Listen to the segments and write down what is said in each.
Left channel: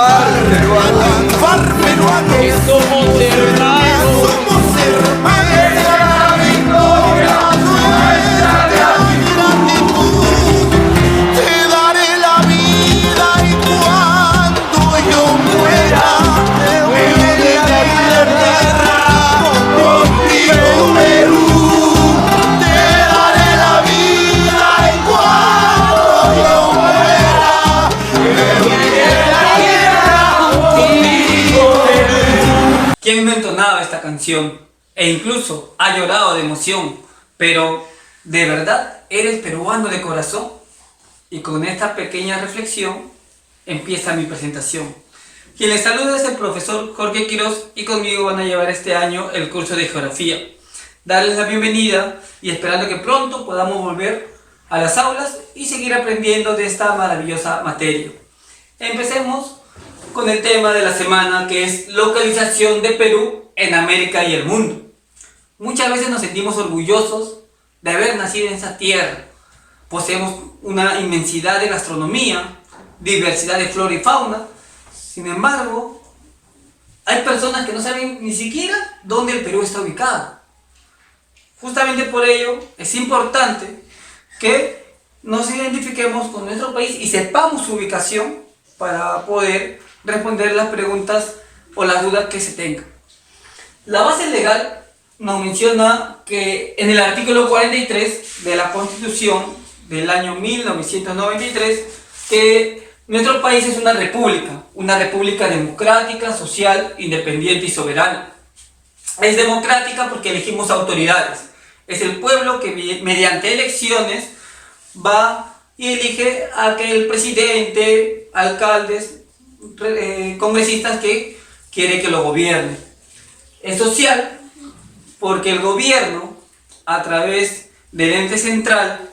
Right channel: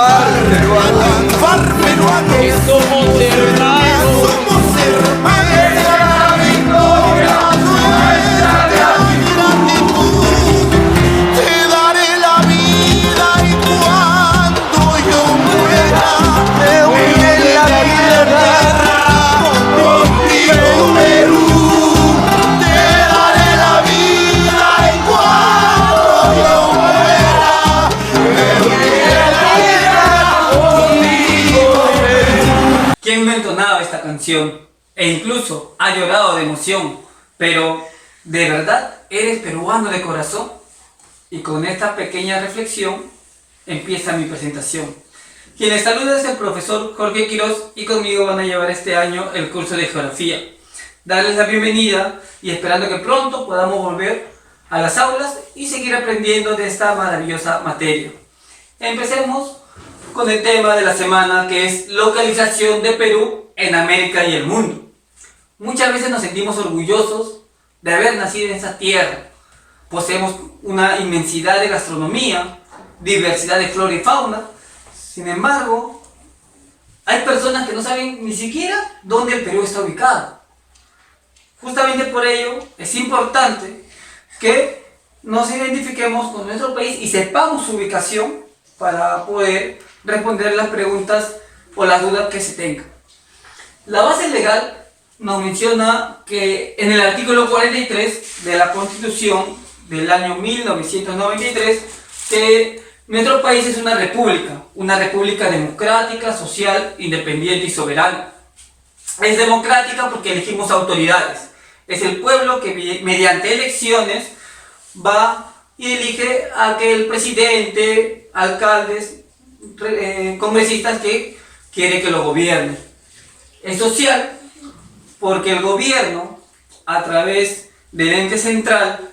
far peruano, que somos hermanos. somos hermanos. La victoria nuestra gratitud, te daré la vida y cuando yo muera, me voy a la tierra contigo, Perú. Te daré la vida y cuando yo muera, me voy a la tierra contigo, Perú. ¿Quién no entonaba esta canción? E incluso ha llorado de emoción. Pero, ¿de verdad eres peruano de corazón? Y con esta pequeña reflexión empieza mi presentación. Quien les saluda es el profesor Jorge Quiroz y conmigo van a llevar este año el curso de Geografía. Darles la bienvenida y esperando que pronto podamos volver a las aulas y seguir aprendiendo de esta maravillosa materia. Empecemos con el tema de la semana, que es localización de Perú en América y el mundo. Muchas veces nos sentimos orgullosos de haber nacido en esa tierra. Poseemos una inmensidad de gastronomía, diversidad de flora y fauna. Sin embargo, hay personas que no saben ni siquiera dónde el Perú está ubicado. Justamente por ello es importante que nos identifiquemos con nuestro país y sepamos su ubicación para poder responder las preguntas o las dudas que se tengan. La base legal nos menciona que en el artículo 43 de la Constitución del año 1993 que nuestro país es una república democrática, social, independiente y soberana. Es democrática porque elegimos autoridades. Es el pueblo que mediante elecciones va y elige a aquel presidente, alcaldes, congresistas que quiere que lo gobierne. Es social porque el gobierno, a través del ente central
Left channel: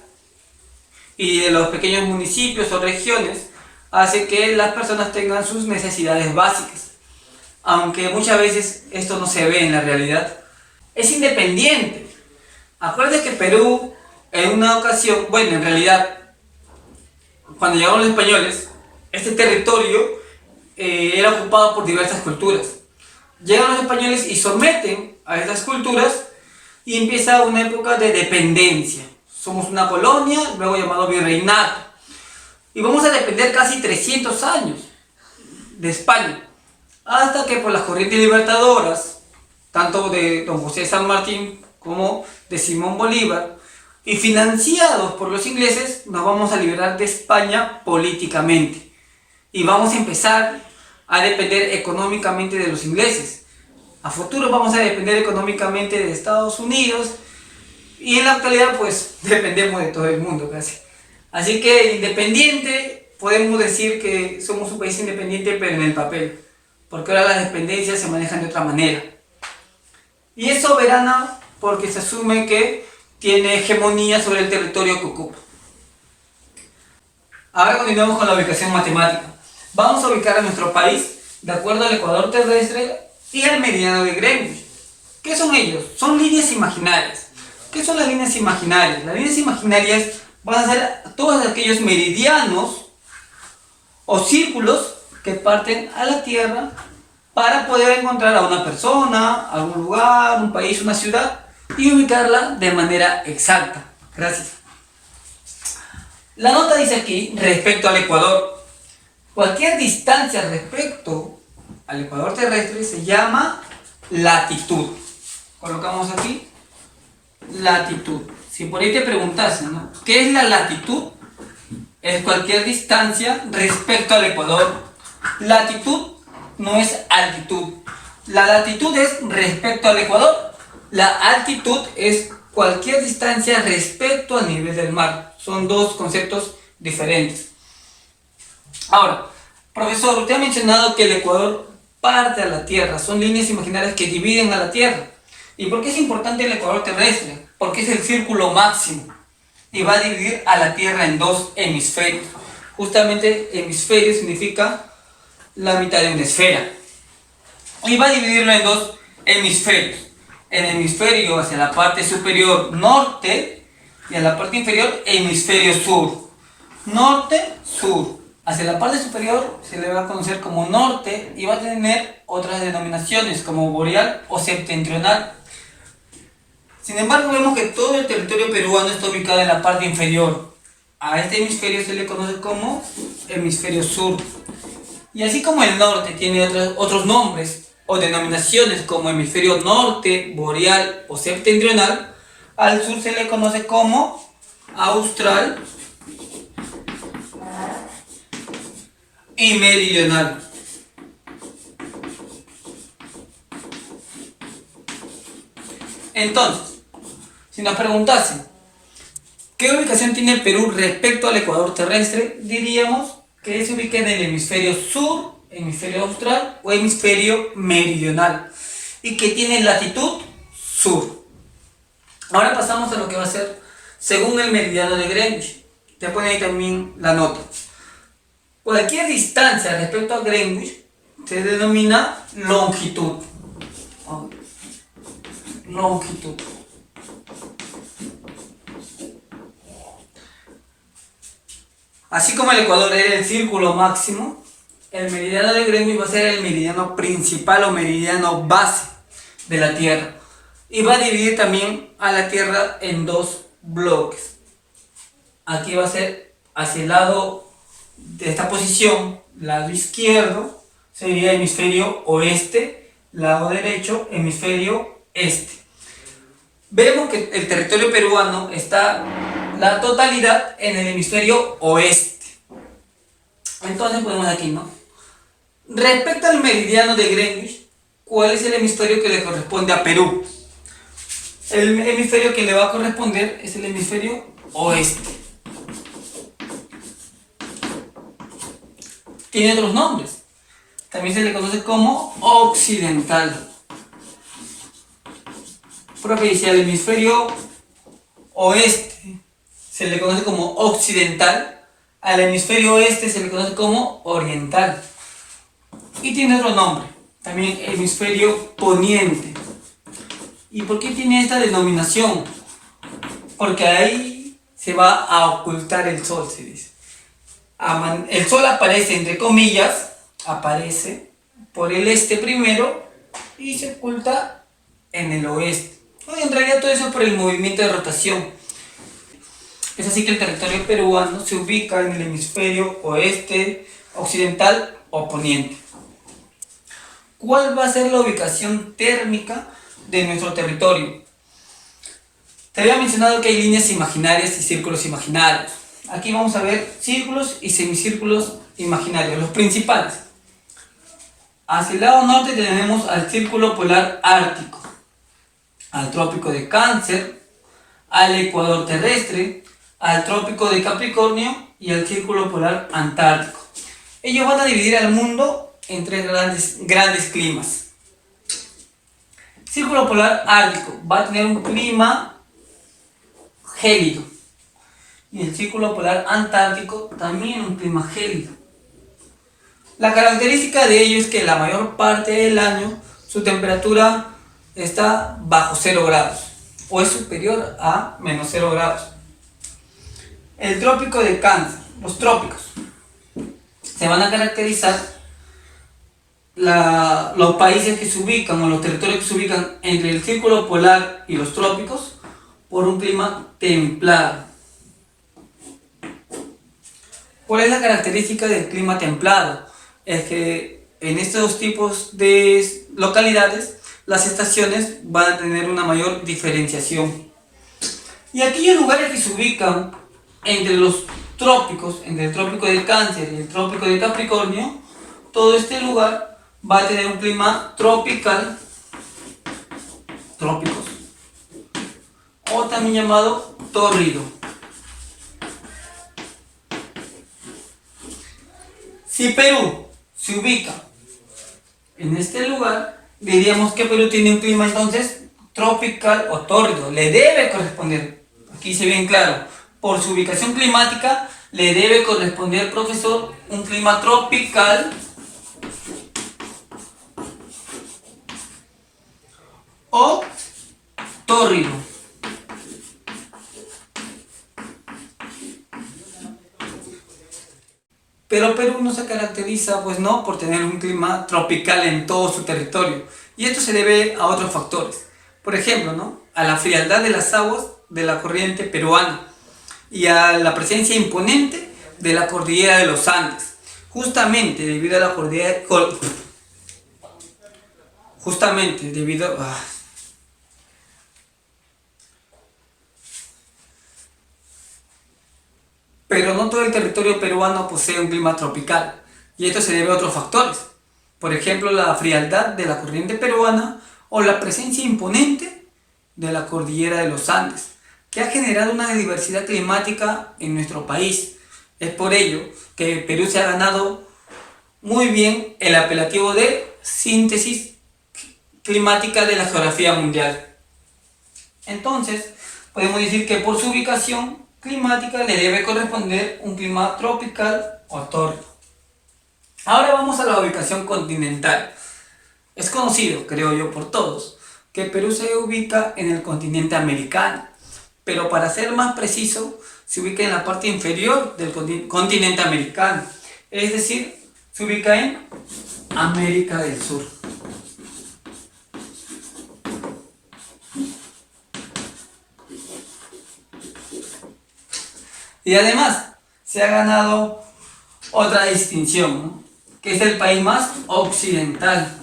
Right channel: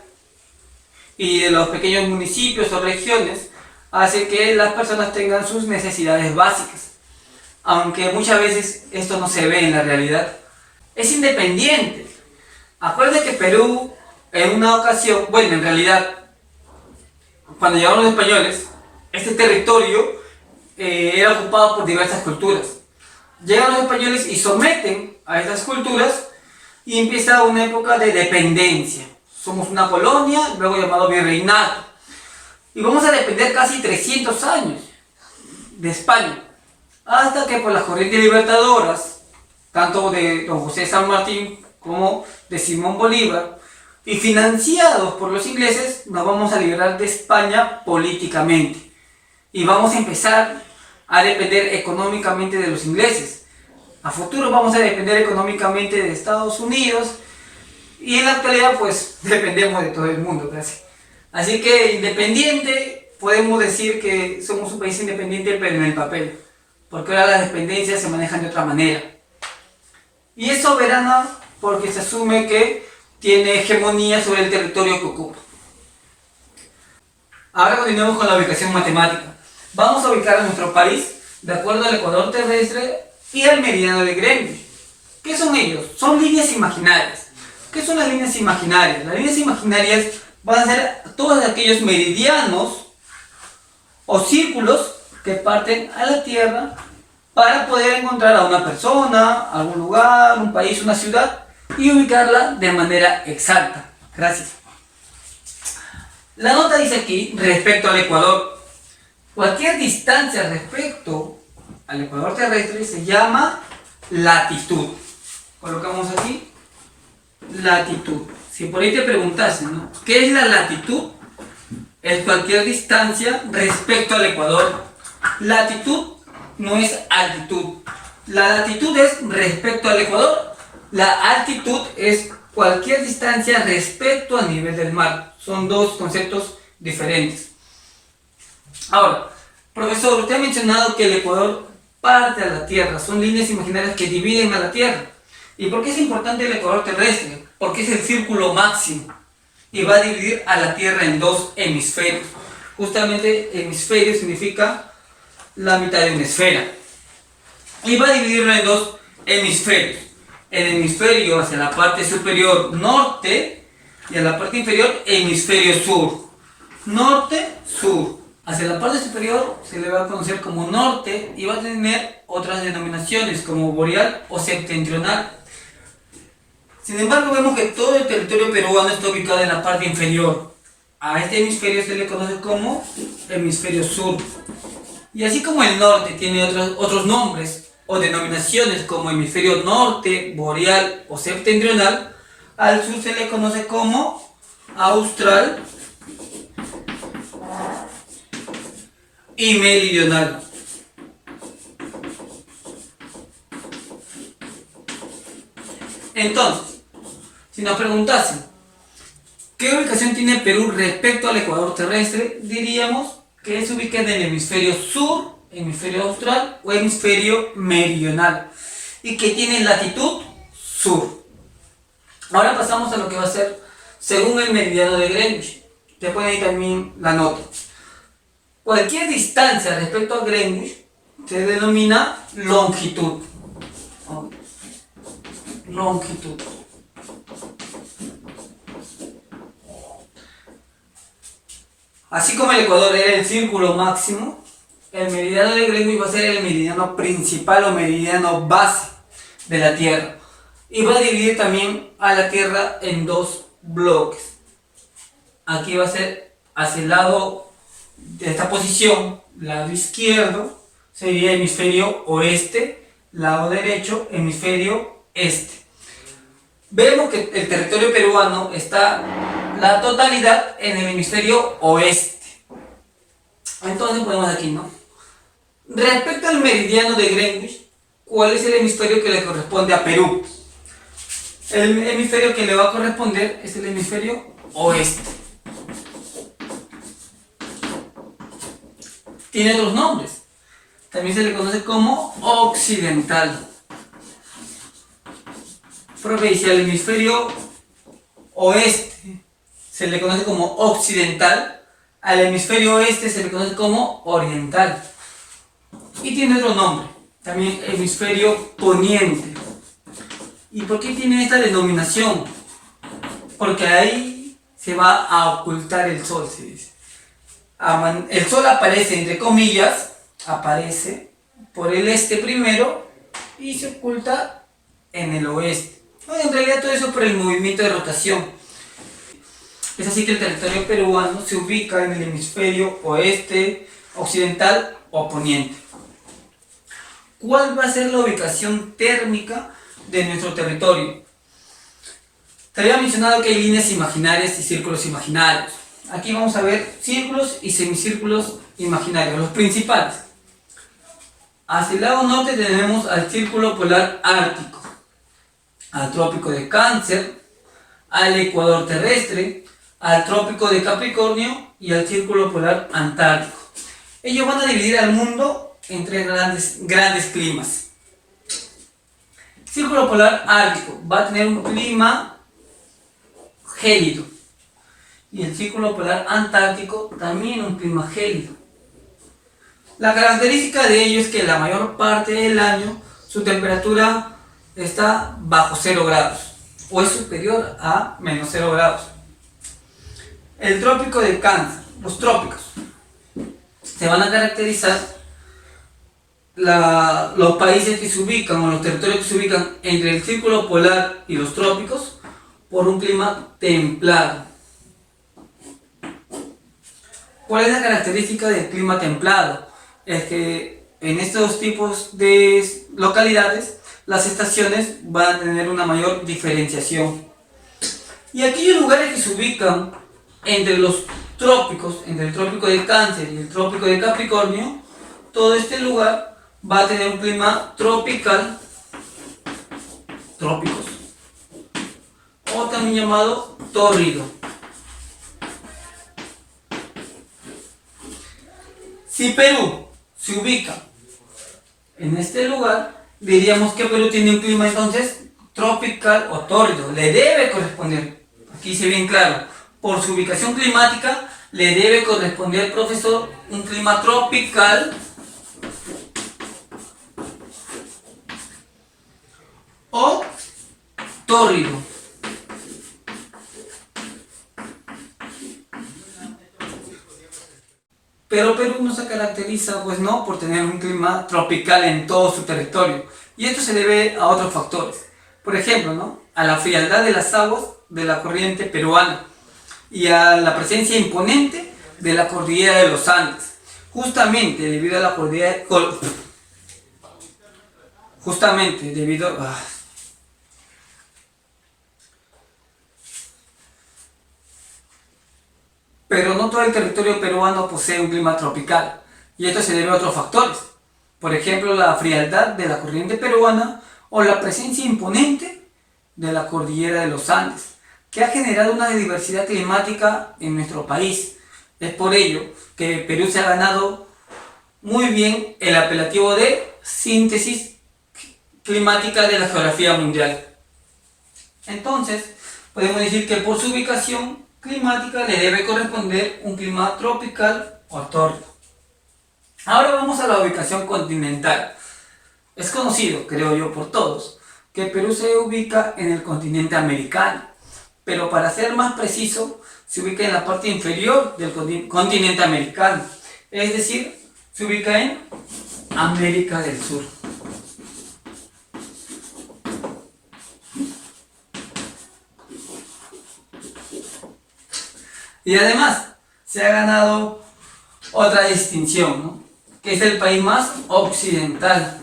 y de los pequeños municipios o regiones, hace que las personas tengan sus necesidades básicas, aunque muchas veces esto no se ve en la realidad. Es independiente. Acuérdense que Perú en una ocasión, bueno, en realidad, cuando llegaron los españoles, este territorio era ocupado por diversas culturas. Llegan los españoles y someten a estas culturas y empieza una época de dependencia. Somos una colonia, luego llamado virreinato. Y vamos a depender casi 300 años de España. Hasta que por las corrientes libertadoras, tanto de don José de San Martín como de Simón Bolívar, y financiados por los ingleses, nos vamos a liberar de España políticamente. Y vamos a empezar a depender económicamente de los ingleses. A futuro vamos a depender económicamente de Estados Unidos y en la actualidad pues dependemos de todo el mundo casi. Así que independiente, podemos decir que somos un país independiente pero en el papel, porque ahora las dependencias se manejan de otra manera. Y es soberana porque se asume que tiene hegemonía sobre el territorio que ocupa. Ahora continuamos con la ubicación matemática. Vamos a ubicar a nuestro país de acuerdo al ecuador terrestre y al meridiano de Greenwich. ¿Qué son ellos? Son líneas imaginarias. ¿Qué son las líneas imaginarias? Las líneas imaginarias van a ser todos aquellos meridianos o círculos que parten a la Tierra para poder encontrar a una persona, algún lugar, un país, una ciudad y ubicarla de manera exacta. Gracias. La nota dice aquí, respecto al Ecuador, cualquier distancia respecto al ecuador terrestre se llama latitud. Colocamos aquí latitud. Si por ahí te preguntasen, ¿no? ¿Qué es la latitud? Es cualquier distancia respecto al ecuador. Latitud no es altitud. La latitud es respecto al ecuador. La altitud es cualquier distancia respecto al nivel del mar. Son dos conceptos diferentes. Ahora, profesor, usted ha mencionado que el Ecuador parte a la Tierra. Son líneas imaginarias que dividen a la Tierra. ¿Y por qué es importante el Ecuador terrestre? Porque es el círculo máximo y va a dividir a la Tierra en dos hemisferios. Justamente hemisferio significa la mitad de una esfera. Y va a dividirlo en dos hemisferios. El hemisferio hacia la parte superior norte y a la parte inferior hemisferio sur. Norte, sur. Hacia la parte superior se le va a conocer como norte y va a tener otras denominaciones como boreal o septentrional. Sin embargo, vemos que todo el territorio peruano está ubicado en la parte inferior. A este hemisferio se le conoce como hemisferio sur. Y así como el norte tiene otros nombres o denominaciones como hemisferio norte, boreal o septentrional, al sur se le conoce como austral y meridional. Entonces, si nos preguntasen ¿qué ubicación tiene Perú respecto al ecuador terrestre? Diríamos que se ubica en el hemisferio sur, hemisferio austral o hemisferio meridional y que tiene latitud sur. Ahora pasamos a lo que va a ser según el meridiano de Greenwich. Te pone ahí también la nota. Cualquier distancia respecto a Greenwich se denomina longitud. Longitud. Así como el ecuador era el círculo máximo, el meridiano de Greenwich va a ser el meridiano principal o meridiano base de la Tierra. Y va a dividir también a la Tierra en dos bloques. Aquí va a ser hacia el lado de esta posición, lado izquierdo, sería hemisferio oeste, lado derecho, hemisferio este. Vemos que el territorio peruano está la totalidad en el hemisferio oeste. Entonces ponemos aquí, ¿no? Respecto al meridiano de Greenwich, ¿cuál es el hemisferio que le corresponde a Perú? El hemisferio que le va a corresponder es el hemisferio oeste. Tiene otros nombres. También se le conoce como occidental. Provincia del hemisferio oeste se le conoce como occidental, al hemisferio oeste se le conoce como oriental. Y tiene otro nombre, también hemisferio poniente. ¿Y por qué tiene esta denominación? Porque ahí se va a ocultar el sol, se dice. El sol aparece entre comillas, aparece por el este primero y se oculta en el oeste. En realidad todo eso es por el movimiento de rotación. Es así que el territorio peruano se ubica en el hemisferio oeste, occidental o poniente. ¿Cuál va a ser la ubicación térmica de nuestro territorio? Te había mencionado que hay líneas imaginarias y círculos imaginarios. Aquí vamos a ver círculos y semicírculos imaginarios, los principales. Hacia el lado norte tenemos al círculo polar ártico, al trópico de Cáncer, al ecuador terrestre, al trópico de Capricornio y al círculo polar antártico. Ellos van a dividir al mundo en tres grandes climas. Círculo polar ártico va a tener un clima gélido y el círculo polar antártico también un clima gélido. La característica de ello es que la mayor parte del año su temperatura está bajo 0 grados o es superior a menos 0 grados. El trópico de Cáncer, los trópicos, se van a caracterizar los países que se ubican o los territorios que se ubican entre el círculo polar y los trópicos por un clima templado. ¿Cuál es la característica del clima templado? Es que en estos tipos de localidades las estaciones van a tener una mayor diferenciación. Y aquellos lugares que se ubican entre los trópicos, entre el trópico de Cáncer y el trópico de Capricornio, todo este lugar va a tener un clima tropical, trópicos, o también llamado tórrido. Si Perú se ubica en este lugar, diríamos que Perú tiene un clima entonces tropical o tórrido. Le debe corresponder, aquí dice bien claro, por su ubicación climática, le debe corresponder, profesor, un clima tropical o tórrido. Pero Perú no se caracteriza, pues no, por tener un clima tropical en todo su territorio. Y esto se debe a otros factores. Por ejemplo, ¿no? A la frialdad de las aguas de la corriente peruana y a la presencia imponente de la cordillera de los Andes. Justamente debido a la cordillera... Justamente debido a... Pero no todo el territorio peruano posee un clima tropical, y esto se debe a otros factores. Por ejemplo, la frialdad de la corriente peruana o la presencia imponente de la cordillera de los Andes, que ha generado una diversidad climática en nuestro país. Es por ello que Perú se ha ganado muy bien el apelativo de síntesis climática de la geografía mundial. Entonces, podemos decir que por su ubicación climática le debe corresponder un clima tropical o tordo. Ahora vamos a la ubicación continental. Es conocido, creo yo, por todos, que Perú se ubica en el continente americano, pero para ser más preciso, se ubica en la parte inferior del continente americano, es decir, se ubica en América del Sur. Y además, se ha ganado otra distinción, ¿no? Que es el país más occidental.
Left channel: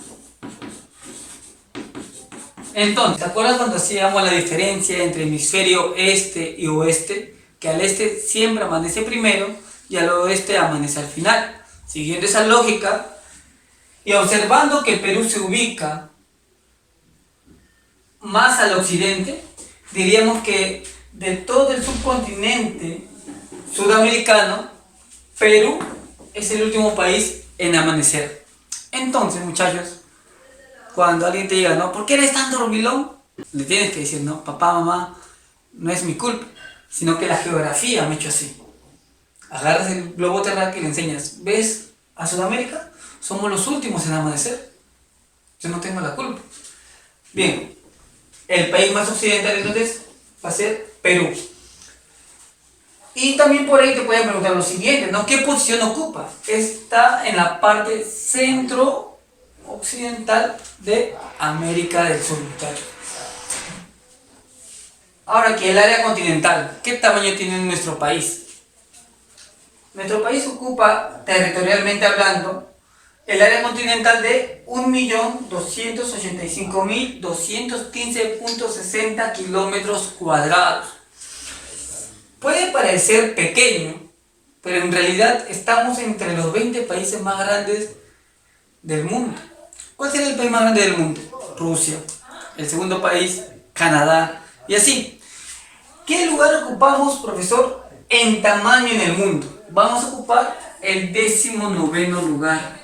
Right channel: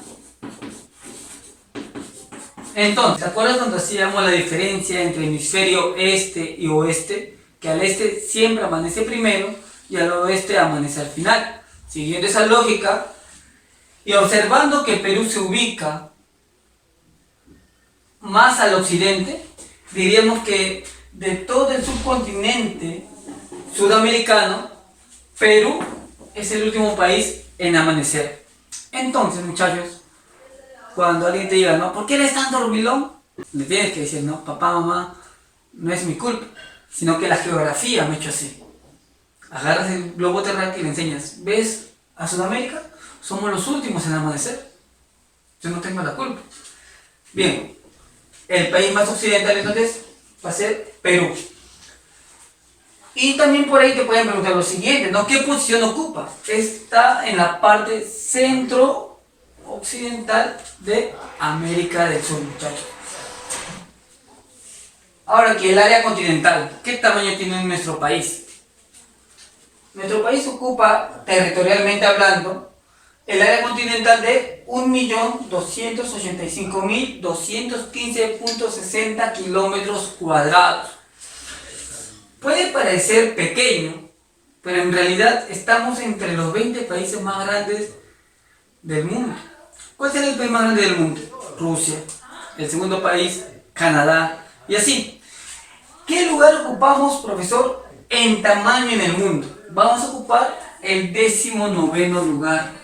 Entonces, ¿te acuerdas cuando hacíamos la diferencia entre hemisferio este y oeste? Que al este siempre amanece primero y al oeste amanece al final. Siguiendo esa lógica y observando que Perú se ubica más al occidente, diríamos que de todo el subcontinente sudamericano, Perú es el último país en amanecer. Entonces, muchachos, cuando alguien te diga, ¿no? ¿Por qué eres tan dormilón? Le tienes que decir, no, papá, mamá, no es mi culpa, sino que la geografía me ha hecho así. Agarras el globo terráqueo y le enseñas, ¿ves a Sudamérica? Somos los últimos en amanecer. Yo no tengo la culpa. Bien, el país más occidental entonces va a ser Perú. Y también por ahí te pueden preguntar lo siguiente, ¿no? ¿Qué posición ocupa? Está en la parte centro-occidental de América del Sur, muchachos. Ahora aquí, el área continental. ¿Qué tamaño tiene nuestro país? Nuestro país ocupa, territorialmente hablando, el área continental de 1.285.215.60 kilómetros cuadrados. Puede parecer pequeño, pero en realidad estamos entre los 20 países más grandes del mundo. ¿Cuál sería el país más grande del mundo? Rusia. El segundo país, Canadá. Y así. ¿Qué lugar ocupamos, profesor, en tamaño en el mundo? Vamos a ocupar el 19º lugar.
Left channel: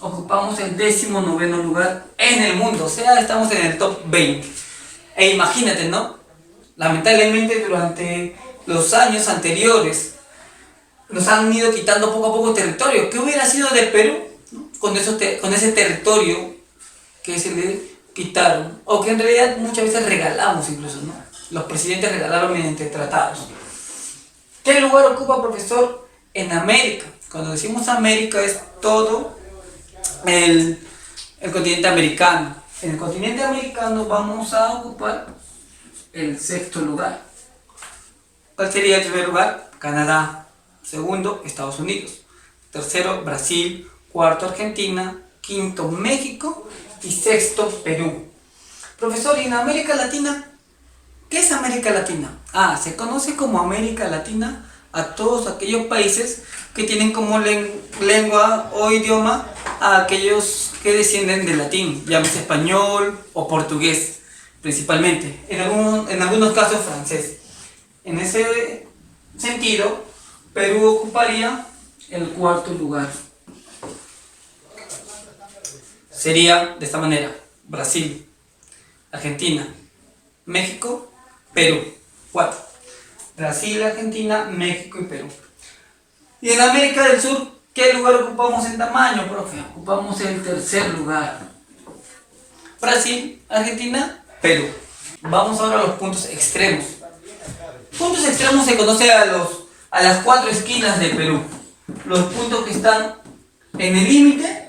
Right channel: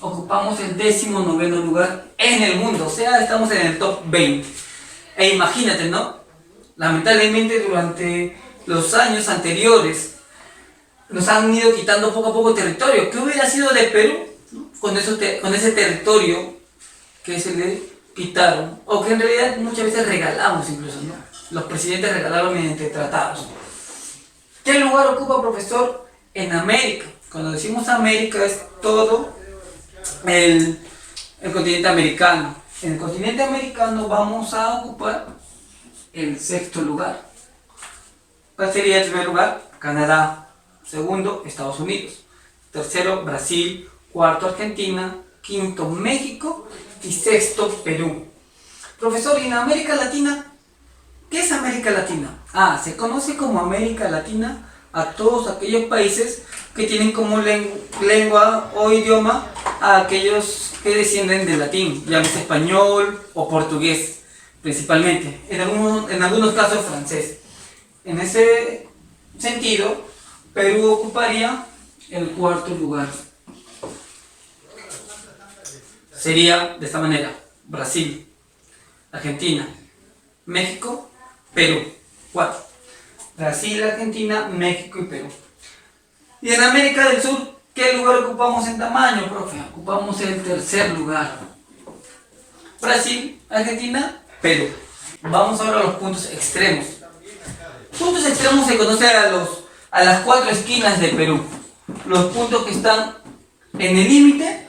Ocupamos el 19º lugar en el mundo. O sea, estamos en el top 20. E imagínate, ¿no? Lamentablemente durante los años anteriores nos han ido quitando poco a poco territorio. ¿Qué hubiera sido de Perú, ¿no? con ese territorio que se le quitaron? O que en realidad muchas veces regalamos incluso, ¿no? Los presidentes regalaron mediante tratados. ¿Qué lugar ocupa, profesor, en América? Cuando decimos América es todo el continente americano. En el continente americano vamos a ocupar el 6º lugar. ¿Cuál sería el primer lugar? Canadá. Segundo, Estados Unidos. Tercero, Brasil. Cuarto, Argentina. Quinto, México. Y sexto, Perú. Profesor, ¿y en América Latina? ¿Qué es América Latina? Se conoce como América Latina a todos aquellos países que tienen como lengua o idioma a aquellos que descienden del latín, llámese español o portugués. Principalmente, en algunos casos francés. En ese sentido, Perú ocuparía el 4º lugar. Sería de esta manera: Brasil, Argentina, México, Perú. 4. Brasil, Argentina, México y Perú. Y en América del Sur, ¿qué lugar ocupamos en tamaño, profe? Ocupamos el 3er lugar. Brasil, Argentina, Perú. Vamos ahora a los puntos extremos. Puntos extremos se conoce a las 4 esquinas de Perú. los puntos que están en el límite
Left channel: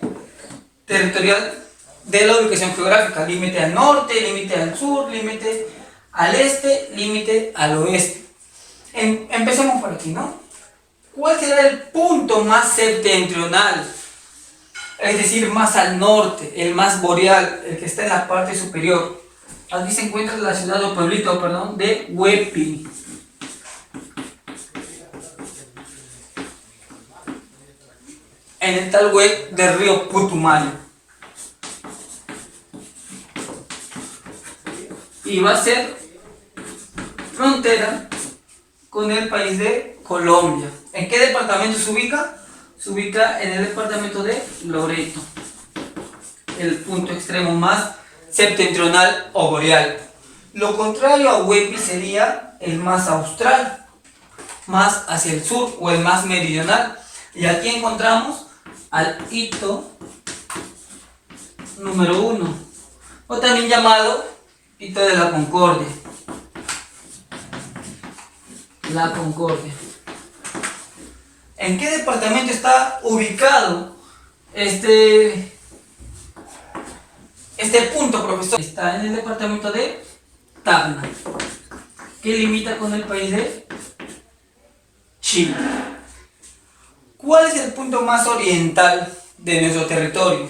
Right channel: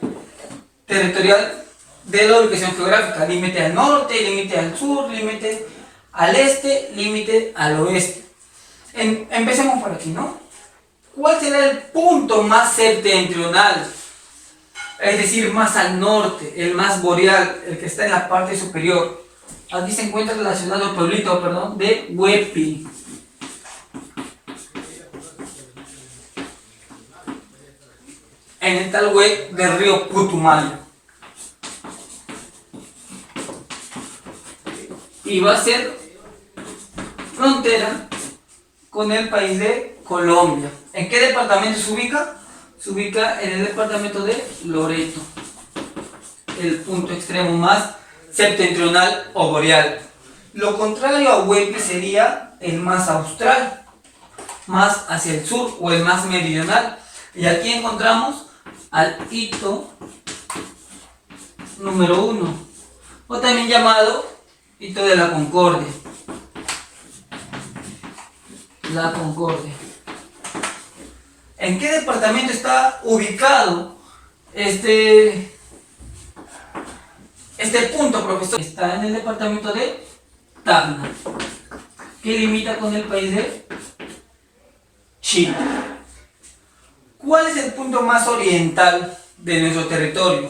territorial de la ubicación geográfica. Límite al norte, límite al sur, límite al este, límite al oeste. Empecemos por aquí, ¿no? ¿Cuál será el punto más septentrional? Es decir, más al norte, el más boreal, el que está en la parte superior. Aquí se encuentra relacionado el pueblito, de Huepi. En el tal web del río Putumayo. Y va a ser frontera con el país de Colombia. ¿En qué departamento se ubica? Se ubica en el departamento de Loreto, el punto extremo más septentrional o boreal. Lo contrario a Huepi sería el más austral, más hacia el sur, o el más meridional. Y aquí encontramos al hito número 1, o también llamado hito de la Concordia. La Concordia. ¿En qué departamento está ubicado este punto, profesor? Está en el departamento de Tacna, que limita con el país de Chile. ¿Cuál es el punto más oriental de nuestro territorio?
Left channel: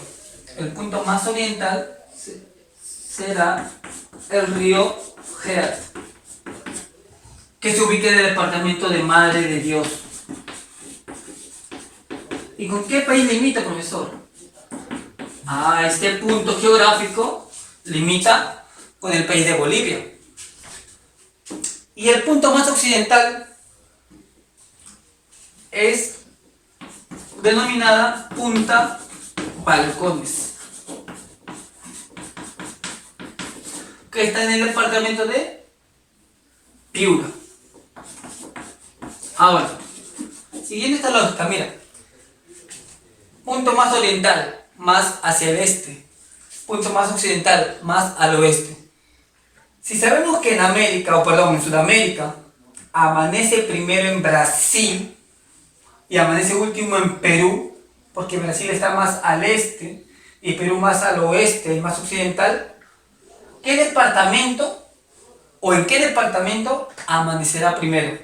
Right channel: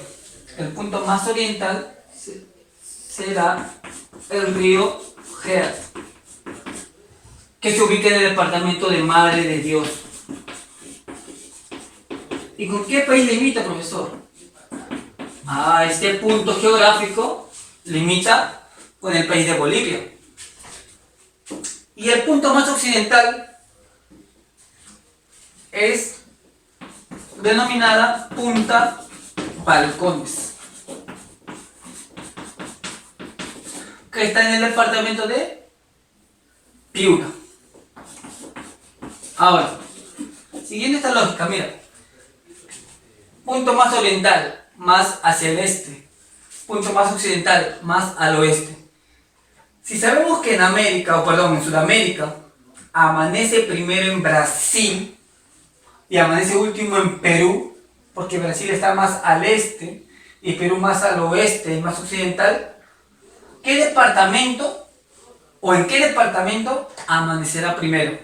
El punto más oriental será el río Gerd, que se ubica en el departamento de Madre de Dios. ¿Y con qué país limita, profesor? Este punto geográfico limita con el país de Bolivia. Y el punto más occidental es denominada Punta Balcones, que está en el departamento de Piura. Ahora, siguiendo esta lógica, mira, punto más oriental, más hacia el este, punto más occidental, más al oeste. Si sabemos que en Sudamérica, amanece primero en Brasil y amanece último en Perú, porque Brasil está más al este y Perú más al oeste y más occidental, ¿qué departamento o en qué departamento amanecerá primero?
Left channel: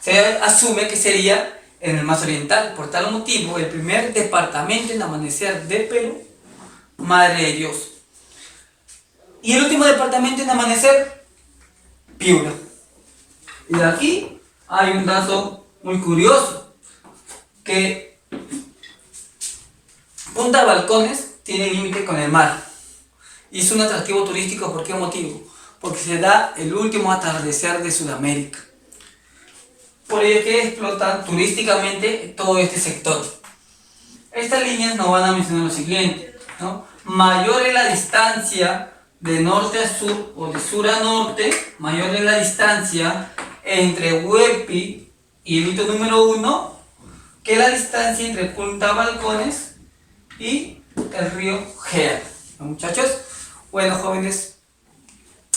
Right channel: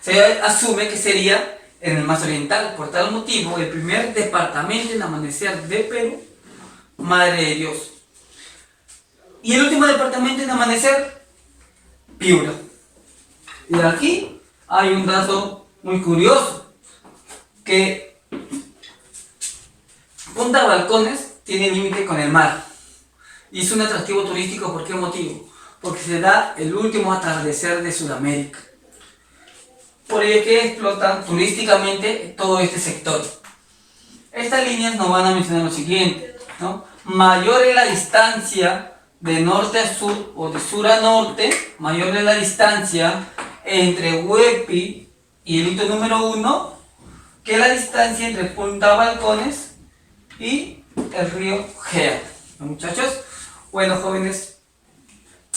Se asume que sería en el más oriental. Por tal motivo, el primer departamento en amanecer de Perú, Madre de Dios. Y el último departamento en amanecer, Piura. Y de aquí hay un dato muy curioso, que Punta Balcones tiene límite con el mar. Y es un atractivo turístico. ¿Por qué motivo? Porque se da el último atardecer de Sudamérica. Por ello que explotan turísticamente todo este sector. Estas líneas nos van a mencionar lo siguiente, ¿no? Mayor es la distancia de norte a sur o de sur a norte, mayor es la distancia entre Huepi y el hito número 1 que la distancia entre Punta Balcones y el río Gea. Muchachos, bueno, jóvenes,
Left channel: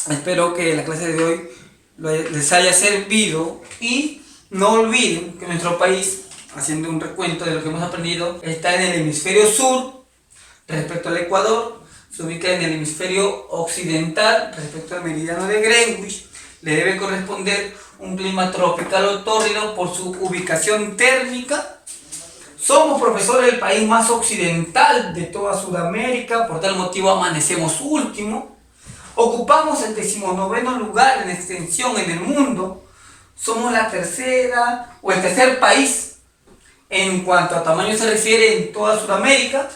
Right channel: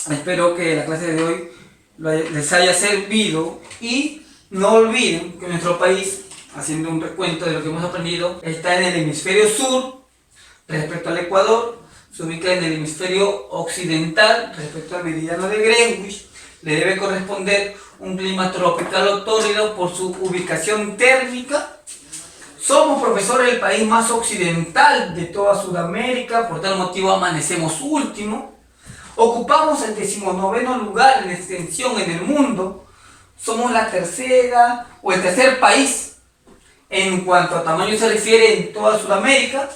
espero que la clase de hoy les haya servido y no olviden que nuestro país, haciendo un recuento de lo que hemos aprendido, está en el hemisferio sur respecto al Ecuador, se ubica en el hemisferio occidental respecto al meridiano de Greenwich, le debe corresponder un clima tropical o tórrido por su ubicación térmica. Somos, profesor, el país más occidental de toda Sudamérica, por tal motivo amanecemos último. Ocupamos el 19º lugar en extensión en el mundo. Somos la tercera o el tercer país en cuanto a tamaño se refiere en toda Sudamérica.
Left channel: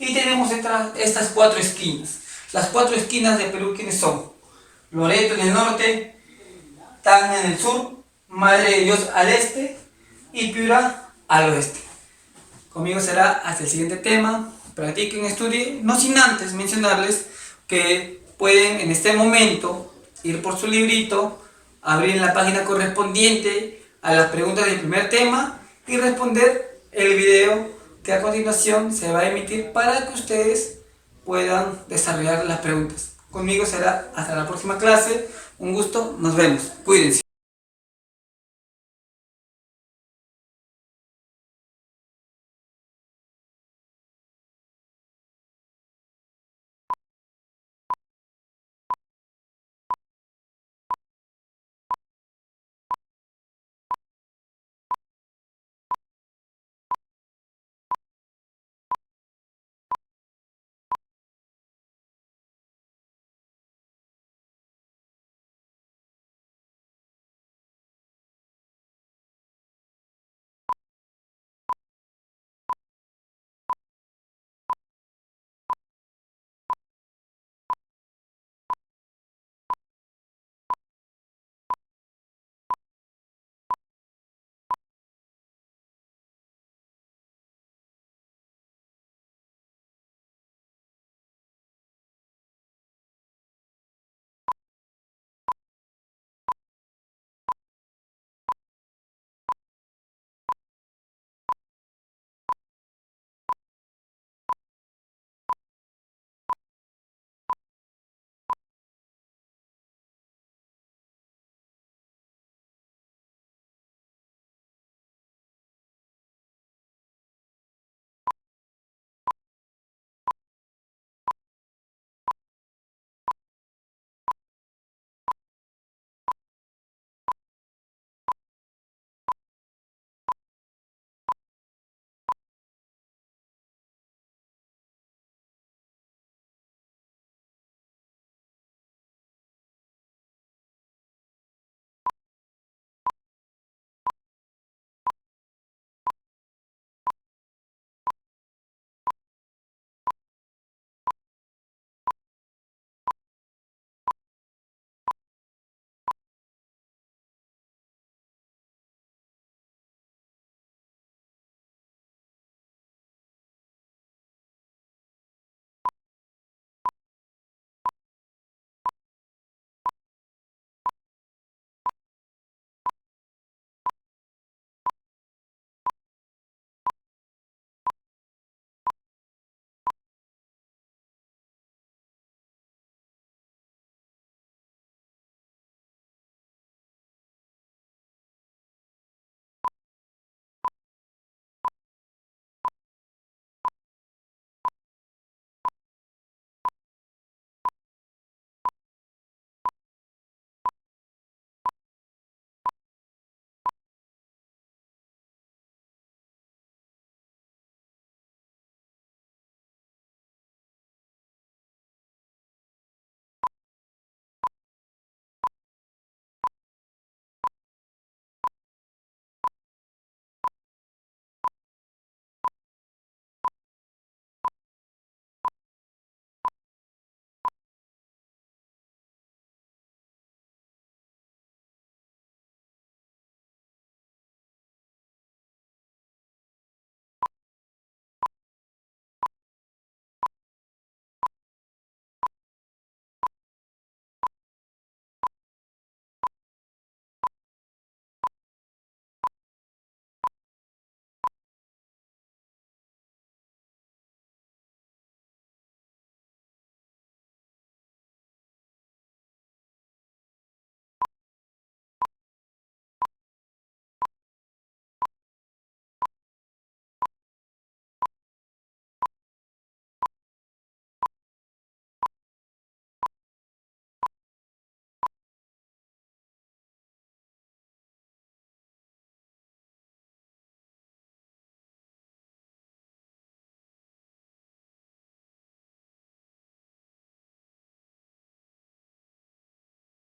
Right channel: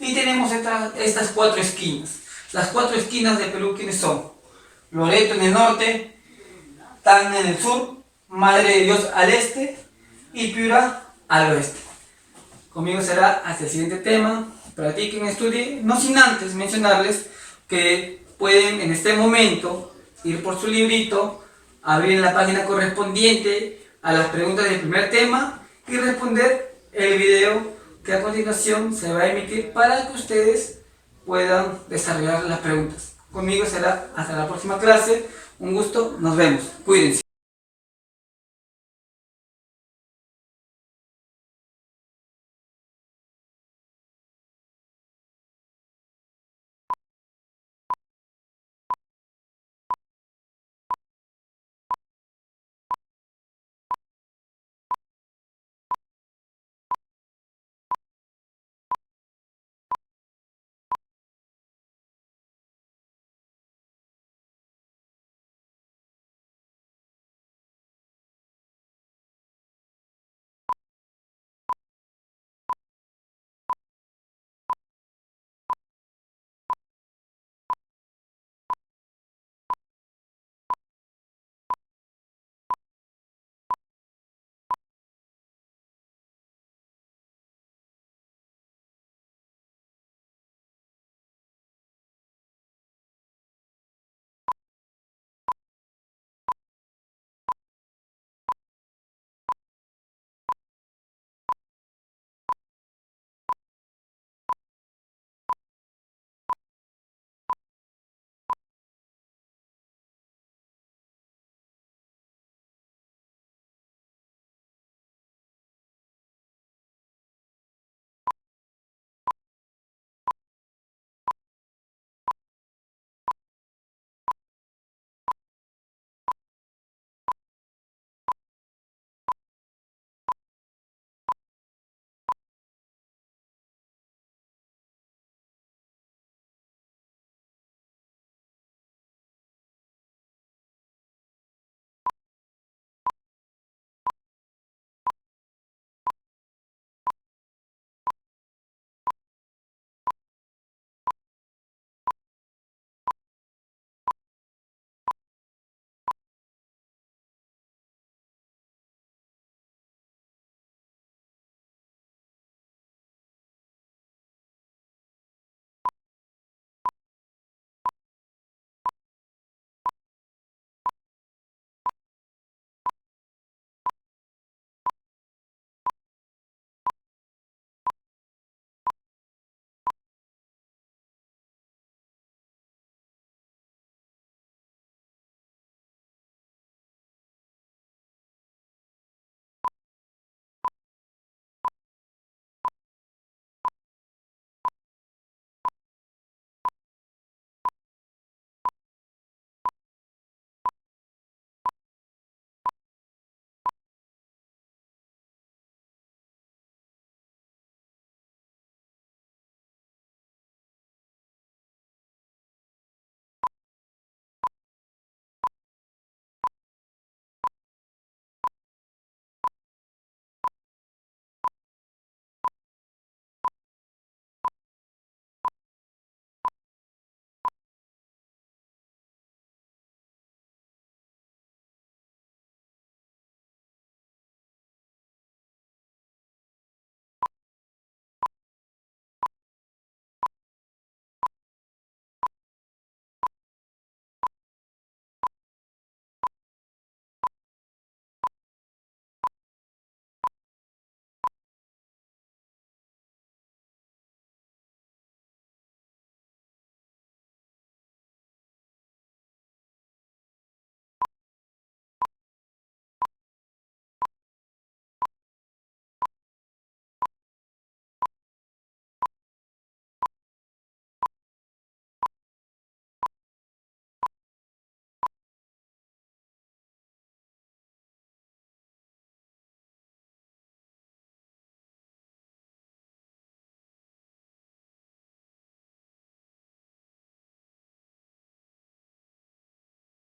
Y tenemos estas 4 esquinas. Las 4 esquinas de Perú, ¿quiénes son? Loreto en el norte, Tacna en el sur, Madre de Dios al este y Piura al oeste. Conmigo será hasta el siguiente tema. Practiquen, estudien, no sin antes mencionarles que pueden en este momento ir por su librito, abrir la página correspondiente a las preguntas del primer tema y responder el video que a continuación se va a emitir para que ustedes puedan desarrollar las preguntas. Conmigo será hasta la próxima clase. Un gusto, nos vemos. Cuídense.